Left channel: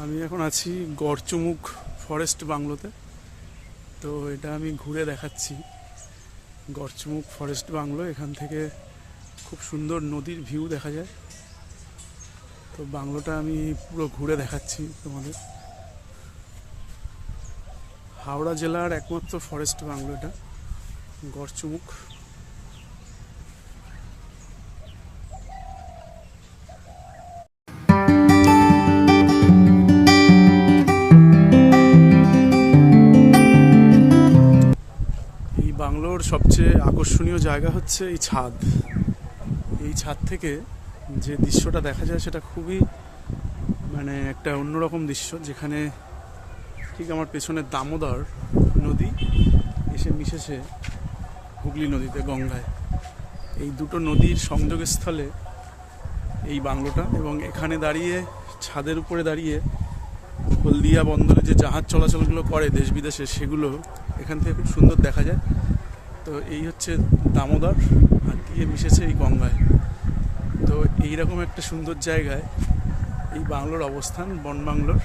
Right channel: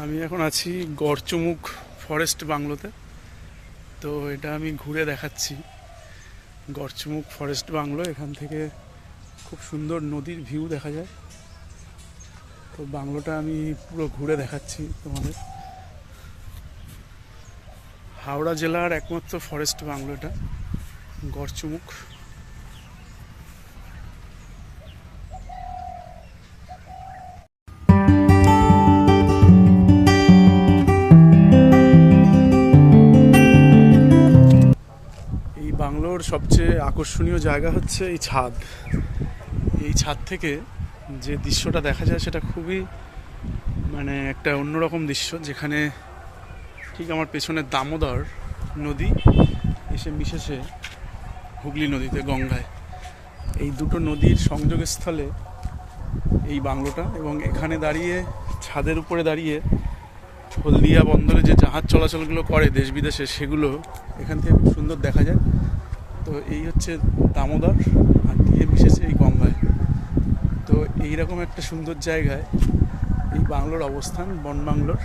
আমি এখন আছি গড়চুমুক ফরেস্ট বাংলোতে। তো এটা আমি ঘুরে দেখাচ্ছি। গড়চুমুক ফরেস্ট বাংলো, এখান থেকে খুব সুন্দর নদীর ভিউ দেখা যায়। তো বাংলোটা আমি পুরো ঘুরে দেখাচ্ছি তোমাদের। হাওড়া জেলার একমাত্র ফরেস্ট বাংলো এটা, গড়চুমুক। এই বাংলোর সবচেয়ে আকর্ষণীয় জায়গা হচ্ছে এই ছাদ। এই ছাদ থেকে যে দৃশ্যটা দেখা যায় সেটা খুবই একটা অন্যরকম দৃশ্য, যেখানে ঠিক আমার পেছনে দামোদর নদী এসে মিশেছে হুগলি নদীতে, গঙ্গায়। এই দুটো নদীর সংযোগস্থলে এই বাংলোটা, এবং এখানে দাঁড়িয়ে, ছাদের উপরে দাঁড়িয়ে হলদিয়া বন্দরে যে জাহাজ চলাচলগুলো করে দেশ বিদেশে, সেগুলো এখান থেকে খুব সুন্দর দেখা যায়। তো এই হচ্ছে দামোদর, আর দিয়ে মিশেছে এই গঙ্গায়। তো এইরকম একটা সুন্দর জায়গায় এই বাংলোর অবস্থান, বন বাংলোর।